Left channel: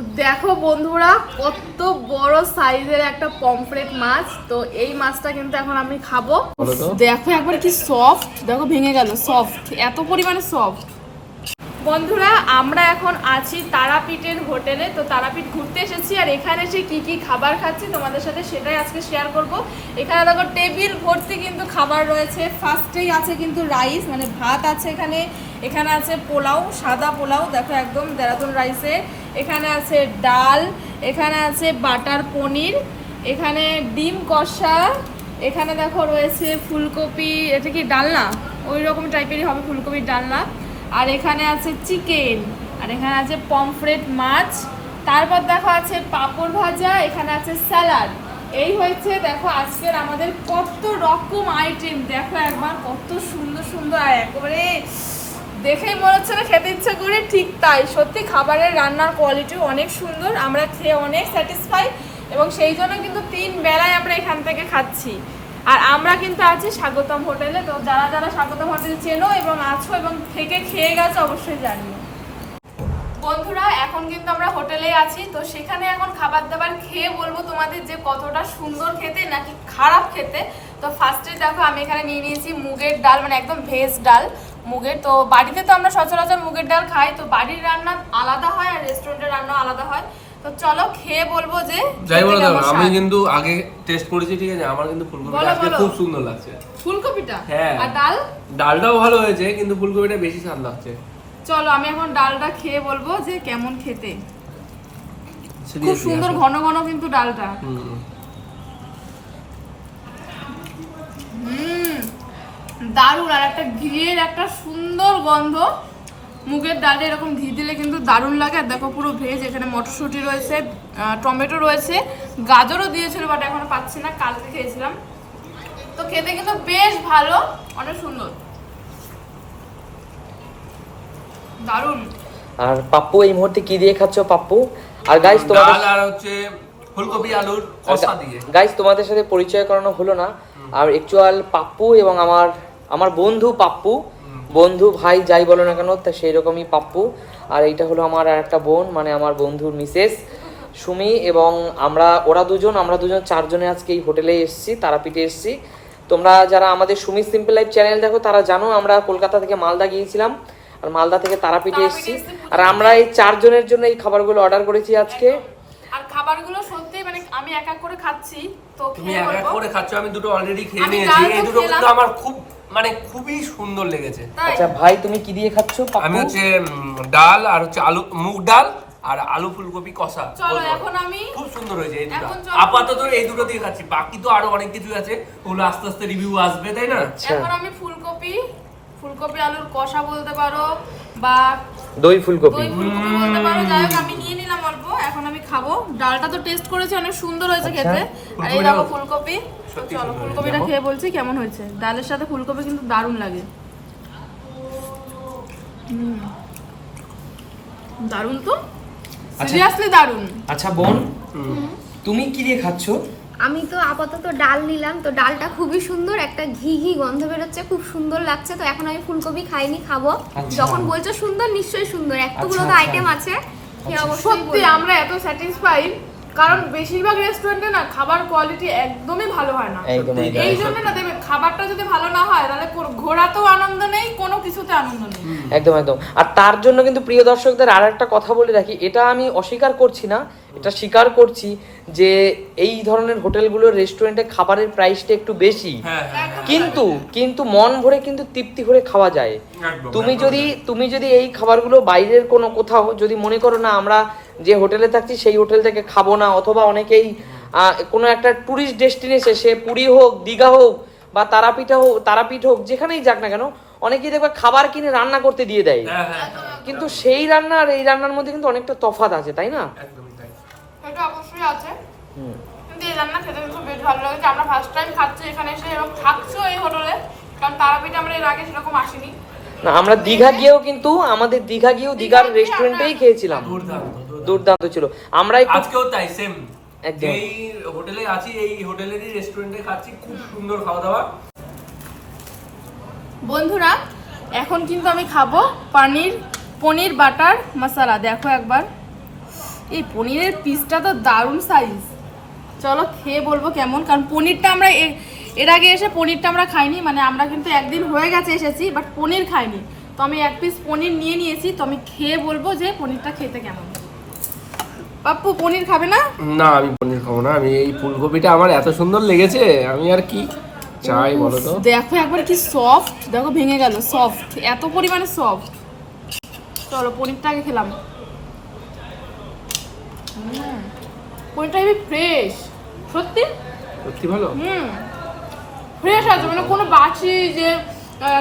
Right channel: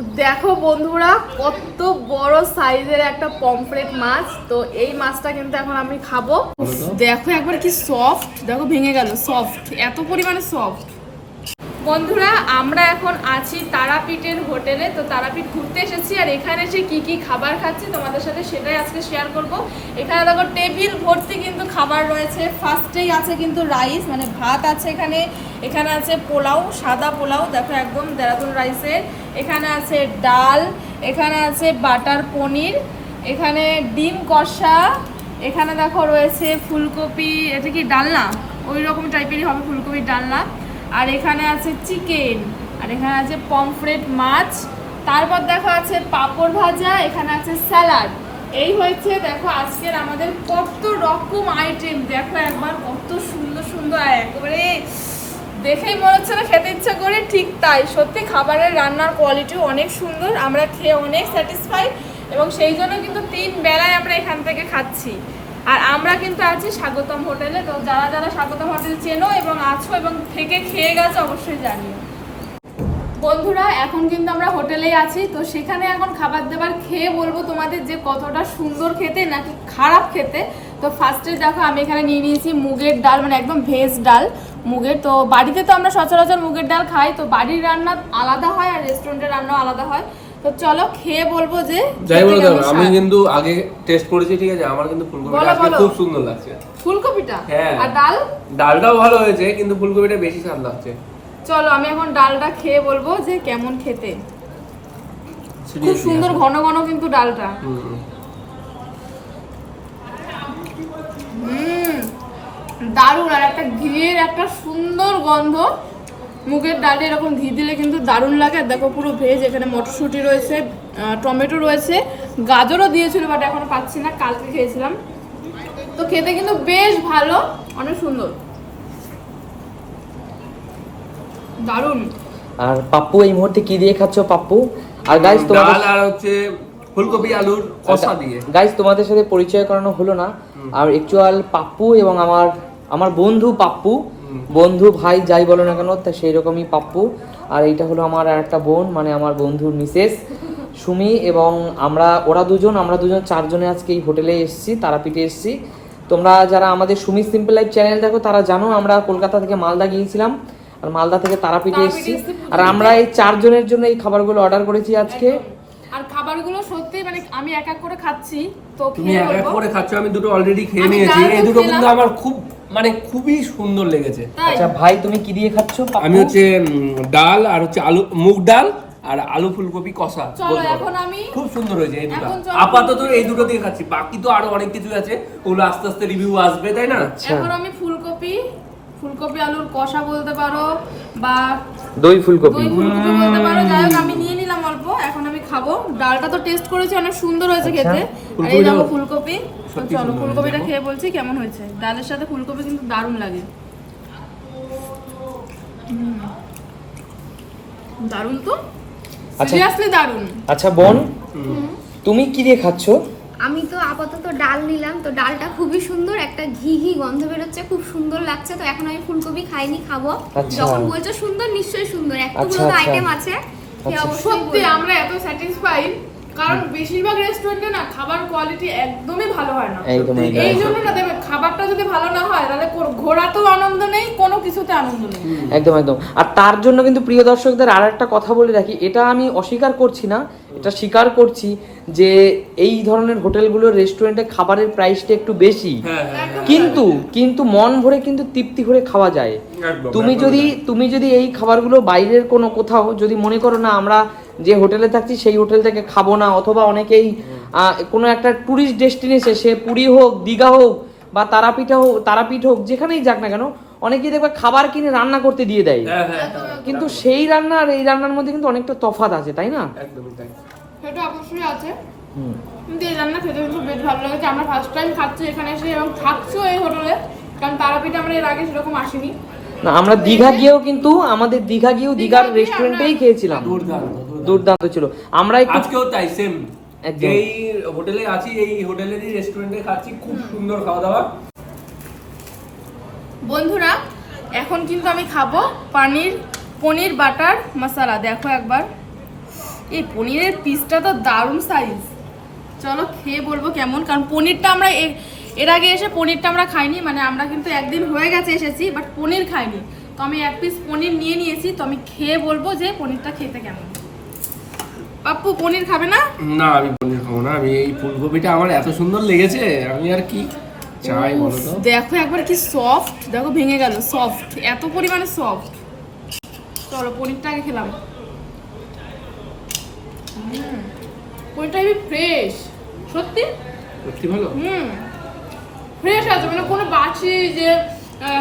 তো দেখো বন্ধুরা কত বড় সাইজের একটা পমফ্রেট মাছ। তো এই মাছটা কিন্তু এখন আমি খাব। দেখো একবার কি সফট দেখো ভেঙে গেল সফট এত পরিমাণে সফট বন্ধুরা আমরা এখন আছি তারাপীঠের হোটেলে তো তারাপীঠ ঘুরতে এসেছি আর এখানে এসে কি কি খাবার খাচ্ছি তোমাদের সাথে সেটাই আজকে শেয়ার করব। এখানে দেখো টেবিল ভর্তি কিন্তু খাবার রয়েছে ফার্স্টেই আছে কিন্তু রাইস মানে ভাত আছে এখানে। এখানে আছে পোলাও, সাদা পোলাও, দেখো একদম দেরাদুন রাইসের। এখানে আছে ডাল, এখানে আছে বাটার পনির, এখানে ডিম কষা, এখানে দেখো রয়েছে ফুলকপি, এটা কি ডালনা ওই রকম টাইপেরই হবে ফুলকপির ডালনা আর এখানে আছে চিকেন, আর এখানে আছে পমফ্রেট মাছ। তারপর দেখো আছে পাঁপড় ভাজা, এখানে আছে স্যালাড। এই হয়েছে দেখো আজকের আমাদের কত রকম আইটেম দেখো একবার কত সুন্দর সুন্দর, একেবারে দেখেই মনে হচ্ছে না খেতে ইচ্ছা করে, ঠিক তাই। সত্যি খাবারের রান্নার কোয়ালিটি অনেক সুন্দর, আমরা খেয়ে অনেক স্যাটিসফাই এবং সেই জন্য কিন্তু তিন বেলায় আমরা এখান থেকে খাচ্ছি। আর আমরা কিন্তু আছি স্বাগতম হোটেলে, তো যারা যারা স্বাগতম হোটেল চেনো এবং আছো এবং থেকে খেয়ে গেছো অবশ্যই জানিও। বন্ধুরা, এখন কিন্তু আমরা হোটেলেই আছি, তো সেখানে এখন খাবার দাবার খেয়ে বলব তোমাদের যে কতটা সুন্দর খেতে নাকি খারাপ খেতে। তো ফার্স্টে দেখো আমি এখানে নিয়ে নিয়েছি মুগের ডাল মানে একদম ভেজ ডাল। মুগের তো বাড়িতে তো আমরা সচরাচর মুগের ডাল খাই তো বাড়ির রান্না আলাদা হয় আর রেস্টুরেন্টের রান্নাও আলাদা হয়। তো চলো খেয়ে বলব যে যাই বলো কেমন আমি কিন্তু আগে টেস্ট করেছি ঠিক আছে? আমার কিন্তু ফুলকপিটা আজকে খুব সুন্দর লাগছে। ফুলকপিটা? হ্যাঁ। আর ডাল? ডালটাও ভালো হয়েছে কিন্তু ফুলকপিটা বেশি স্বাদ লাগছে। চলো আমি এখন ডালটা খেয়ে বলব যে কেমন খেতে। খুব সুন্দর ঘন ঘন কিন্তু ডালটা। হুম। দারুণ আর একটা ঘিয়ের একটা সুন্দর গন্ধ। মুগের ডালে এরকম ঘি দিলে কিন্তু দারুণ লাগে। আর দেখো পুরো ভেজ এখানে মটরশুঁটি রয়েছে টমেটো রয়েছে গাজরও দিয়েছিল বাট এখনও পাচ্ছি না কালকে খেয়েছিলাম। তো খেতে কিন্তু বেশ ভালো অনেক সুন্দর। দারুণ। আর পাপ্পু এই মুহূর্তে কি দিয়ে খাচ্ছ পাপ্পু? আর গাইস ডাল আর হচ্ছে ফুলকপি আলুর কষা দিয়ে। গাইস তোমাদের সাথে পরিচয় করানো হলো না। আর একচুয়াল পাপ্পু এবং আমার আমার বন্ধু পাপ্পু বন্ধু ভাই যাই বলো না কেন তা সেই রকমই পাপ্পু। আর এটা হলো আমার আর একটা বোন মানে আমার বন্ধুর মিসেস সুমি এবং আমরা ওরা দুজন আমরা দুজন চারজনে আজকে এই হোটেলে এসেছি তারাপীঠে এসেছি। তোমরা যারা আমাদের সুমি সিম্পল লাইফ চ্যানেল দেখো তারা জানো আমরা কলকাতা থেকে মালদা গিয়েছিলাম। আর মালদা থেকে তারাপীঠে এসেছি। আর আমরা এই চারজনের জন্য এই খাবারগুলো অর্ডার করেছি আজকে। আর খাবারগুলো সত্যি মানে আমি এক এক করে খাচ্ছি তো তুমি খেয়ে এক এক করে খাচ্ছ আমি দুটো অলরেডি খেয়ে নিয়েছি। এই দুটো কিন্তু আমার খুব মানে খুবই সুন্দর লেগেছে। আচ্ছা ভাই তুমি কি দিয়ে খাচ্ছো? আমি হচ্ছে ডাল আর হচ্ছে আলু মুগ ডাল আর আলু ফুলকপি কষা। চলো, এখন আমি- খুব সুন্দর হয়েছে এই দুটো। আপাতত এই দুটো দিয়ে খাচ্ছি। বাকি তো আরও অনেক কিছু আছে। ওগুলো আস্তে আস্তে রিভিউ আসবে তাই না? এখন আমি ফুলকপি ফুলকপি আলুর কষা বলতে পারো বা দই ফুলকপি। দই ফুলকপি বলতে পারো যাই হোক আমি নিয়ে নিলাম অল্প এখন আমি খাব। ডালটা তো টেস্ট করেছি অনেক সুন্দর হয়েছে খেতে। আর এই দেখো ফুলকপি। তো চলো ফুলকপিটা খেয়ে বলছি কেমন হয়েছে। ডালের সাথে ফুলকপি কিন্তু দারুণ লাগে। হুম। দারুণ তো? আচ্ছা। সিরিয়াসলি দারুণ। আচ্ছা বোন তুমি কি দিয়ে খাচ্ছ? আমি তো আপাতত ডাল নিলাম তো ডালটা খুবই সুন্দর একটা ঘি ঘি গন্ধ বেরোচ্ছে খুব সুন্দর লাগছে তো এখন আমি ফুলকপি খাইনি খাব আচ্ছা। যখন বলছো সুন্দর নিশ্চয়ই সুন্দর এতগুলো আচ্ছা, তো। আইটেম আছে আচ্ছা। অবশ্যই সত্যি আমরা এত স্যাটিসফাইড কারণ বেশিরভাগ রেস্টুরেন্টে না খাবার কোয়ালিটি একদমই ভালো হয় না। এই জন্য না দেখবে খাবারটা যদি ভালো না হয় তাহলে ঘোরাতেও আনন্দ নেই কোনো কিছুতে আনন্দ নেই। একদম একদম। আর তার জন্য কিন্তু প্রিয় দর্শকদের আর একটা কথা বলে রাখি এটা আমি অস্বীকার করছি না এটা স্বীকার করছি যে এই ধরনের হোটেলগুলোর রেস্টুরেন্টে খাবারের প্রাইসটা একটু বেশি। হ্যাঁ হ্যাঁ হ্যাঁ। কিন্তু কিন্তু মন ভরে কিন্তু তৃপ্তি করে খাওয়া যায়। তুমি যদি তুমি যদি এই খাবারগুলো বাইরের কোনো কোথাও যদি মনে করো না আমরা যে হোটেলে থাকছি সেই হোটেল থেকে খাব না অথবা অনেকেই কোনো একটা টুরিস্ট ডেস্টিনেশন সে পুরী হোক দীঘা হোক বা তারাপীঠ হোক তারাপীঠ হোক যেখানেই যাক না কেন অনেকেই দেখবে খাবার কিনে রান্না করতে দিয়ে দেয়। হ্যাঁ হ্যাঁ হ্যাঁ, কিন্তু সেই রান্না আর এই রান্নার মধ্যে কিন্তু অনেকটা তফাৎ আছে তাই না? একদমই তাই। সেটা অবশ্যই আছে। কিন্তু এই রান্না খেতে কিন্তু বেশ ভালো লেগেছে। আমরা ফার্স্ট টাইম খাচ্ছি এখানে এসে এবং থাকছিও এই হোটেলে কারণ তারাপীঠে আমরা এর আগে সেরকম আসিনি। আমরা দীঘা গিয়েও কিন্তু আমাদের দীঘা গিয়েও দীঘার রেস্টুরেন্টেই খেয়েছিলাম। দুর্দান্ত দুর্দান্ত। ছিল। আমরা আজকেও তাই সেম যেই হোটেলে আছি এই হোটেলেরই রেস্টুরেন্টে খাচ্ছি খুব সুন্দর খাওয়া দাওয়া বন্ধুরা এখন কিন্তু আমি খাব পানির পনির বাটার মশলা। দেখো একবার। এই পনিরের পিসটা তো দারুণ সাইজ চলো খেয়ে বলব কেমন কারণ পনিরটা আমরা এর আগে এসে পনিরটা আমরা খাইনি মানে আমরা কিন্তু একদিন হয়ে গেছে এসেছি বাট পনির খাইনি। তো আমি এক পিস পনির নিয়ে নিয়েছি তো আমি খেয়ে বলব যে পনিরটা খেতে কেমন। পাপ্পু পনির খাবে না? না আমি পনির খাব না আমি এই ফুলকপিটা আমার এত সুন্দর লেগেছে আমি আর কি চাই বলো তো? দেখো একবার কি সফট দেখো ভেঙে গেল সফট এত পরিমাণে সফট চলো পনিরটা আগে খেলাম। পনিরটা হেবি ফ্রেশ সত্যি? সত্যি ভালো? হুম। ফ্রেশ আছে মানে কোনো বাছি যে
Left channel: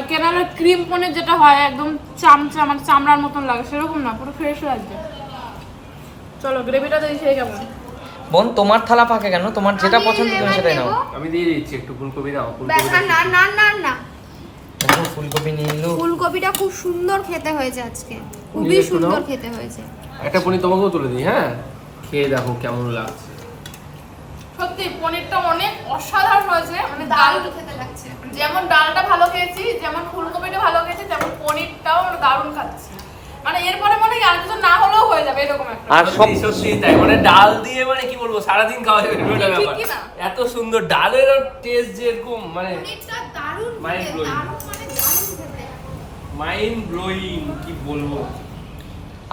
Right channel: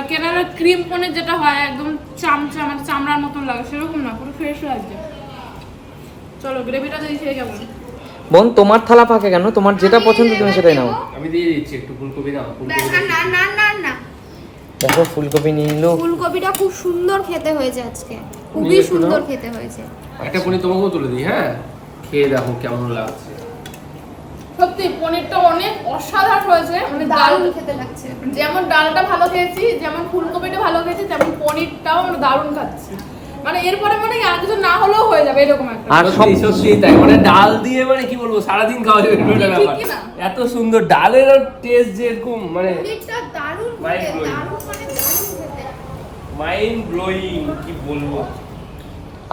কেনার ক্রিম পনির যেটা হয় একদম চামচা মানে চামড়ার মতন লাগে সেরকম না পুরো ফ্রেশ লাগছে চলো গ্রেভিটা দেখি খেয়ে কেমন বোন তোমার থালা পাকে কেন? তোমার যেটা পছন্দ তুমি সেটাই নাও। আমি দিয়ে দিচ্ছি একটু ফুলকপি নাও ব্যাস, ফুলকপি না না না না। দেখো ফুলকপি নিয়ে নিলো। ফুলকপিটা খুব সুন্দর খেতে হয়েছে আজকে। খুবই সুন্দর খেতে হয়েছে। একটা পনির তোমাকেও তুলে দিই হ্যাঁ? খেয়ে দেখো কেমন লাগছে। সত্যি পনিরটা অনেক অসাধারণ হয়েছে। মানে ডাল খেতে লাগছে। যেমন ডালটা ভালো খেয়েছি যেমন ফুলকপিটা ভালো খেয়েছি তেমন পনিরটাও আমরা দারুণ খাচ্ছি। মানে এরপরে মনে হয় আর কিছু না হলেও হয়ে যাবে এরকম একটা আর সত্যি সত্যি তাই। মানে ডাল দিয়ে মানে কি বলব সারাদিন খাওয়া যাবে এরকম একটা ব্যাপার। না? এত সুন্দর ডালের টেস্ট যেরকম মানে পনিরটা দারুণ দারুণ মানে মাইন্ড ব্লোয়িং কি বলব।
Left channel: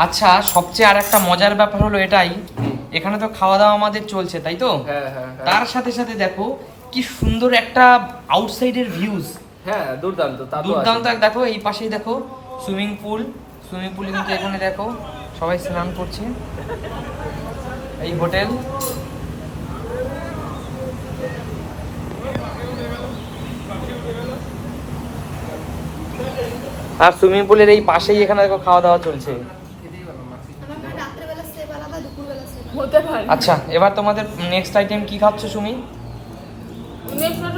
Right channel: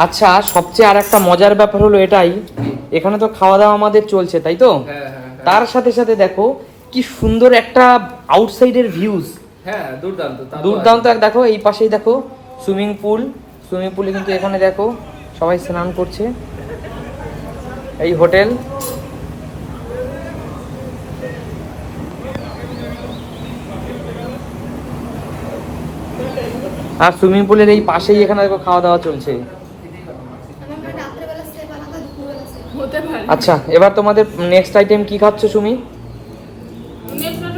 আচ্ছা সবচেয়ে আর একটা মজার ব্যাপার হলো এটাই। এখানে তো খাওয়া দাওয়া আমাদের চলছে তাই তো? হ্যাঁ হ্যাঁ হ্যাঁ। তার সাথে সাথে দেখো কি সুন্দর একটা আউটসাইডের ভিউজ হ্যাঁ দুর্দান্ত দুর্দান্ত। দেখো এই পাশেই দেখো সুইমিং পুল সুইমিং পুলে কিন্তু এখানে দেখো সবাই স্নান করছে। এই হোটেল। আর সুইমিং পুলের এই পাশেই এখানে খাওয়া দাওয়া চলছে রাত্রেবেলা সেব আলাদা দুপুরবেলা সেব হতে পারে। আচ্ছা এবার তোমাদের নেক্সট আইটেম কি খাচ্ছ সুমি? নেক্সট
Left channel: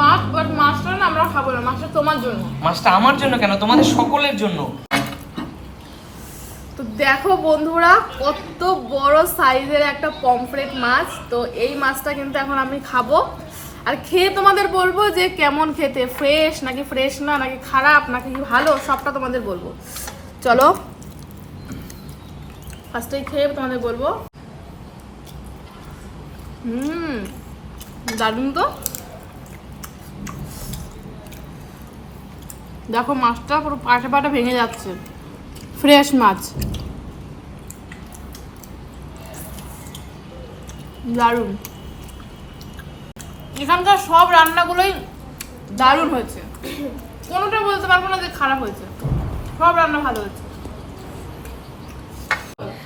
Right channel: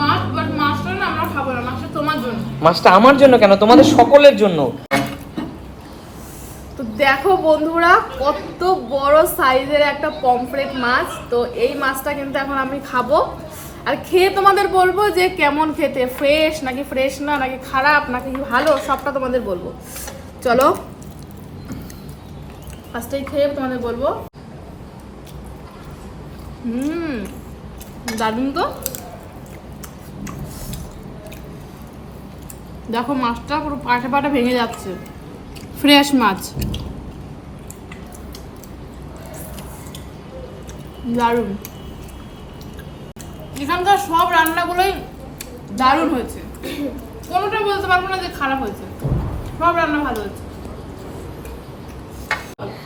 মাছ বাট মাছটা না আমরা খাব না মাছটা তোমার জন্য। মাছটা আমার জন্য কেন? তোমাদের সকলের জন্য। তো দেখো বন্ধুরা কত বড় সাইজের একটা পমফ্রেট মাছ। তো এই মাছটা কিন্তু এখন আমি খাব। আর খেয়ে তোমাদের বলব যে কেমন খেতে ফ্রেশ নাকি ফ্রেশ না নাকি খারাপ নাকি ভালো সবটা তোমাদের বলব। চলো ফার্স্টেই খেয়ে তোমাদের বলব। হুম দারুণ তো দেখো মাছটা পুরো পাটে পাটে ভেঙে যাচ্ছে। ফ্রেশ মাছ। দারুণ। এখানকার সব রান্নাগুলোই দারুণ হয়েছে। কোনোটা বলতে পারব না যে খারাপ হয়েছে। সব রান্না ভালো হয়েছে।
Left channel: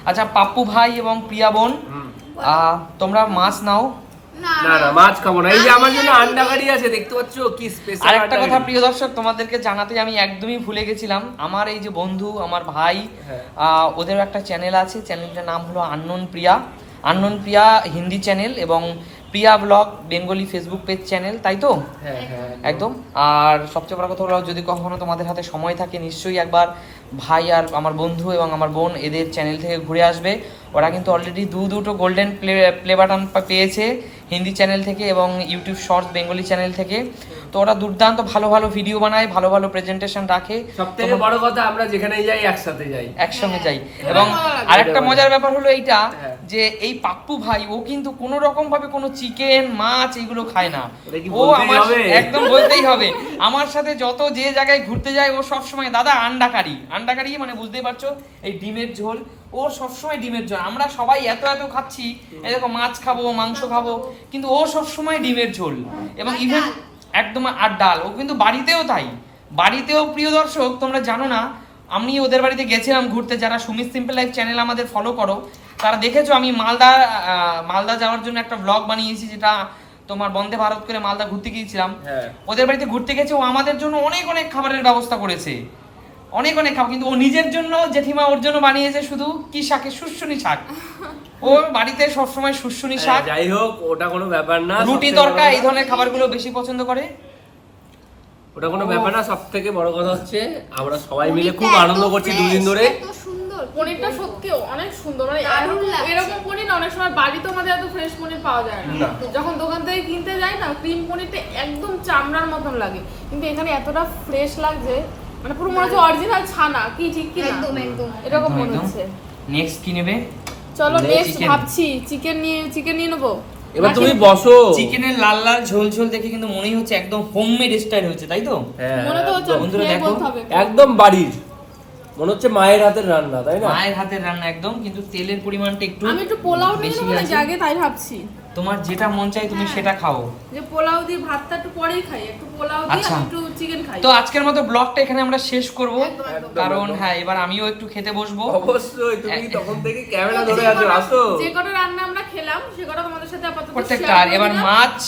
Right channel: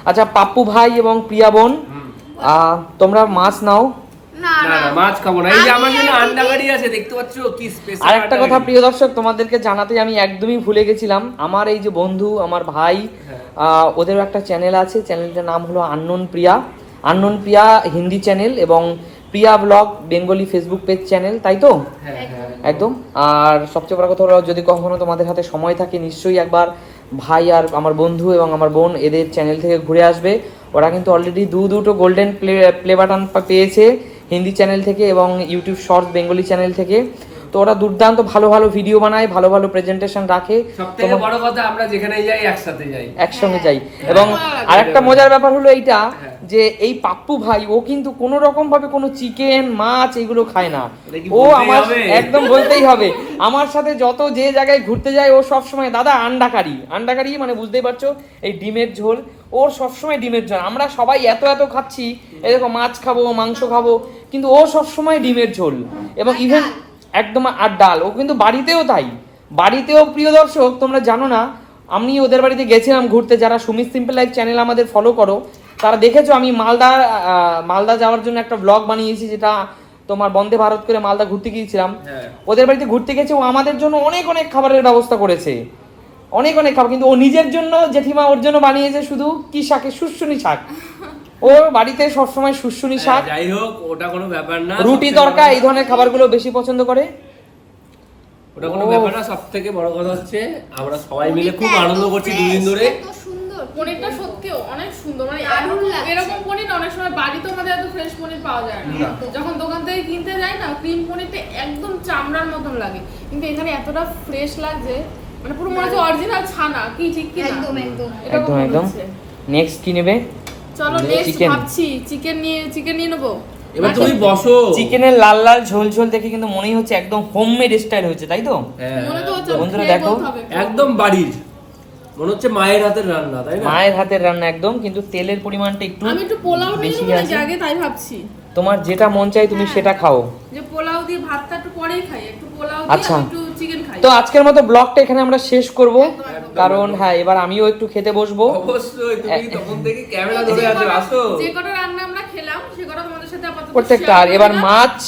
আচ্ছা পাপ্পু ভাই এবং প্রিয়া বোন। তোমরা মাছ নাও। না না না। না মাছ খাব না। এই যে আমার জন্য আন্ডা কারি আছে দেখতে পাচ্ছ? কি স্পেশাল একটা কথা প্রিয় দর্শক তোমাদেরকে জানাতে আমি একদমই ভুলে গেছিলাম। আমার এই যে বন্ধু আমার ভাই হ্যাঁ। ওদের একটা চ্যানেল আছে। চ্যানেলটার নাম হলো unknown Priya unknown Priya Hindi channel এবং Priya vlog Bengali Facebook page channel তাই তো? হ্যাঁ হ্যাঁ। একদম। আর সবচেয়ে বড় কথা যদি কখনো তোমাদের হাতে সময় থাকে নিশ্চয়ই একবার ভাই আর আমার বন্ধু এবং আমার বোন এদের চ্যানেল থেকে ঘুরে আসবে। ওরা কিন্তু অলরেডি দু দুটো গোল্ডেন প্লে প্লে বাটন পেয়েছে হিন্দি চ্যানেল থেকে এবং ইউটিউব শর্টস বেঙ্গলি চ্যানেল থেকে। তো ওরা দুর্দান্ত ভালো ভালো ভিডিও বানায় ভালো ভালো প্রেজেন্টেশন রাখে। সব থেকে বড় কথা আমরা যেখানে যাই একসাথে যাই। একসঙ্গে যাই। হ্যাঁ, এবং আরেকটা মজার ব্যাপার হলো এইটা হ্যাঁ। যে এই পাপ্পু ভাই ও কিন্তু কোন রকম ভাবে কোনো চিকেন মাছ এগুলো খায় না। ও বলতেই আমার- হবে? একদম বলতেই হবে। আমার সাথে যত যে জায়গায় ঘুরতে যায় ও সব সময় দাদা আন্ডা কারি আন্ডা কারি মানে বুঝতেই পারছ এই ডিমের ঝোল। ওর সবসময় ডিমের ঝোল। আমরা সবাই এত এত খাচ্ছি এরকম মাছ খাব মাংস খাব কিন্তু ও সবসময় ডিমের ঝোল। এবং ইভেন ডাল। একদম আর ডাল। ও কিন্তু বাড়িতেও তাই। বাড়িতেও প্রিয় দর্শক তোমরা জানো না আমি ওদের বাড়িতে গেছিলাম ঘুরতে। যারা সুমিত সিম্পল লাইফ চ্যানেল আমাদের ফলো করো তারা দেখেছ আমি মালদা মালদা যাওয়ার জন্য একটা ব্লগ বানিয়েছি যেটা তোমার বন্দে ভারত করে মালদা ঘুরতে গিয়েছিলাম। হ্যাঁ। ওদের বাড়িতে ঘুরতে গেছে ও আমাদের জন্য অনেক অনেক খাবারের ব্যবস্থা করেছে। অনেক অনেক খাবার কিন্তু ও নিজের জন্য জেঠিমা ওর জন্য বানিয়েছে শুধু কি শাকে শুশুনি শাক। ওর বাড়িতে সবসময় শুশুনি শাক। যাই হোক ওটা কোনো ব্যাপার না রুটি তরকা এই ধরনের খাবারগুলো বেশি পছন্দ করে? ওটা কোনো ব্যাপার না সব থেকে বড় কথা হচ্ছে আমরা সবাই মিলে খুব আনন্দ করছি দুদিন ধরে। পনিরটা। সত্যি অনেক সুন্দর মানে এরকম- পনির অনেক সময় বাড়িতে আমাদের এত ফ্রেশ পনির পাওয়া যায় না। না। যখন দোকান থেকে কিনতে যাই না ক্রিম পনিরটা একদম চামড়ার মতন লাগে। কিন্তু এখানে এতটা ফ্রেশ লাগছে মানে পুরো মনে হচ্ছে অরিজিনাল ছানা কি ঠিক কি না একদম একদম। এরকম মনে হচ্ছে। নেক্সট কি নেবে? চলো নেক্সট ভাবছি চিকেন নিয়ে চিকেন নিয়ে নেব। এবার তুমি বসো। চিকেনের লাল লাল ঝোল ঝোল দেখে কিন্তু মনেই হচ্ছে একদম হোমমেড স্টাইল হয়েছে তাই তো? হ্যাঁ, মনে তো হচ্ছে দেখো, একদম বাড়ির। মনে হচ্ছে মায়ের হাতের রান্না তাই না? মায়ের হাতের রান্না একদম কিন্তু তেলের পরিমাণটা একটু আমি একটু পোলাও নিয়ে বেশি নেব নাকি? আগে তাই ভাবছি। তোমার যেটা মন চাই তুমি হ্যাঁ। সেটা খাও। যে পোলাও দিয়ে ভাতটা একটু পরেই খাই একটু পোলাও দিয়ে আচ্ছা। একটু চিকেন খাই। তো আজকের মতো ব্লগটা এখানে আমরা শেষ করব। কারণ হ্যাঁ এবার আমিও একটু খেতে বসবো। অবশ্যই তুমি তখন থেকে ক্যামেরা ধরে যে আছো কটা- আসো। যে কটা রান্না আমরা খেলাম সে কটা তোমাদের সাথে আপাতত প্রত্যেকটা আর এবার মাছ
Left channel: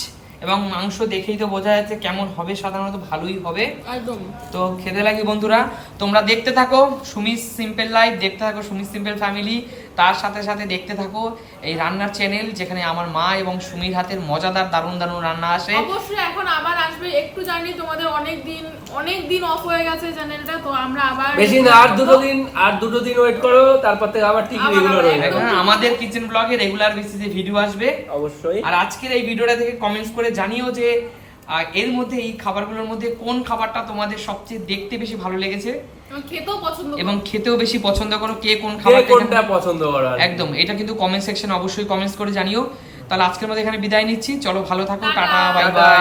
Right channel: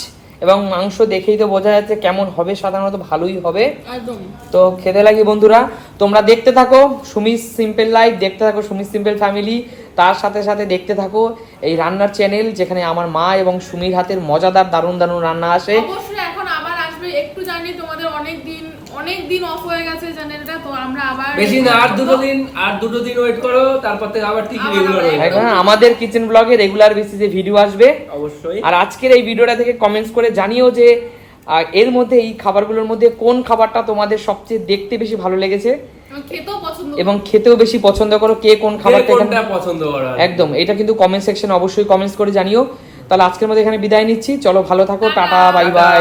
এবং মাংস দেখেই তো বোঝা যাচ্ছে কেমন হবে সাধারণত ভালোই হবে। একদম। তো খেতে লাগি বন্ধুরা তোমরা দেখতে থাকো সুমিত সিম্পল লাইফ দেখতে থাকো সুমিত সিম্পল ফ্যামিলি তার সাথে সাথে দেখতে থাকো এই রান্নার চ্যানেল যেখানে আমার মা এবং সুমির হাতের মজাদার দারুণ দারুণ রান্না আসে। অবশ্যই এখন আবার আসবে একটু জানি তোমাদের অনেক দিন অনেক দিন অফ হয়ে গেছে চ্যানেলটা তো আমরা আবার বেশি না আর দুটো দিন আর দুটো দিন ওয়েট করো তারপর থেকে আবার ঠিক রেগুলার হয়ে যাবে। আমাদের কিচেন ব্লগে রেগুলার বেসিসে ভিডিও আসবে। অবশ্যই। আর আজকের এই ভিডিওটা থেকে কমেন্টস করে জানিও যে এর মধ্যে এই খাবারগুলোর মধ্যে কোন খাবারটা তোমাদের সবচেয়ে দেখতে বেশি ভালো লেগেছে? এবং খেতেও পছন্দ এবং খেতেও বেশি পছন্দ করো কে কোন খাবারটা পছন্দ করো একদম এটা কিন্তু কমেন্ট সেকশন অবশ্যই কমেন্টস করে জানিও। তাহলে আজকের মধ্যে এখানে বিদায় নিচ্ছি চলো ভালো থাকো টাটা বাই বাই।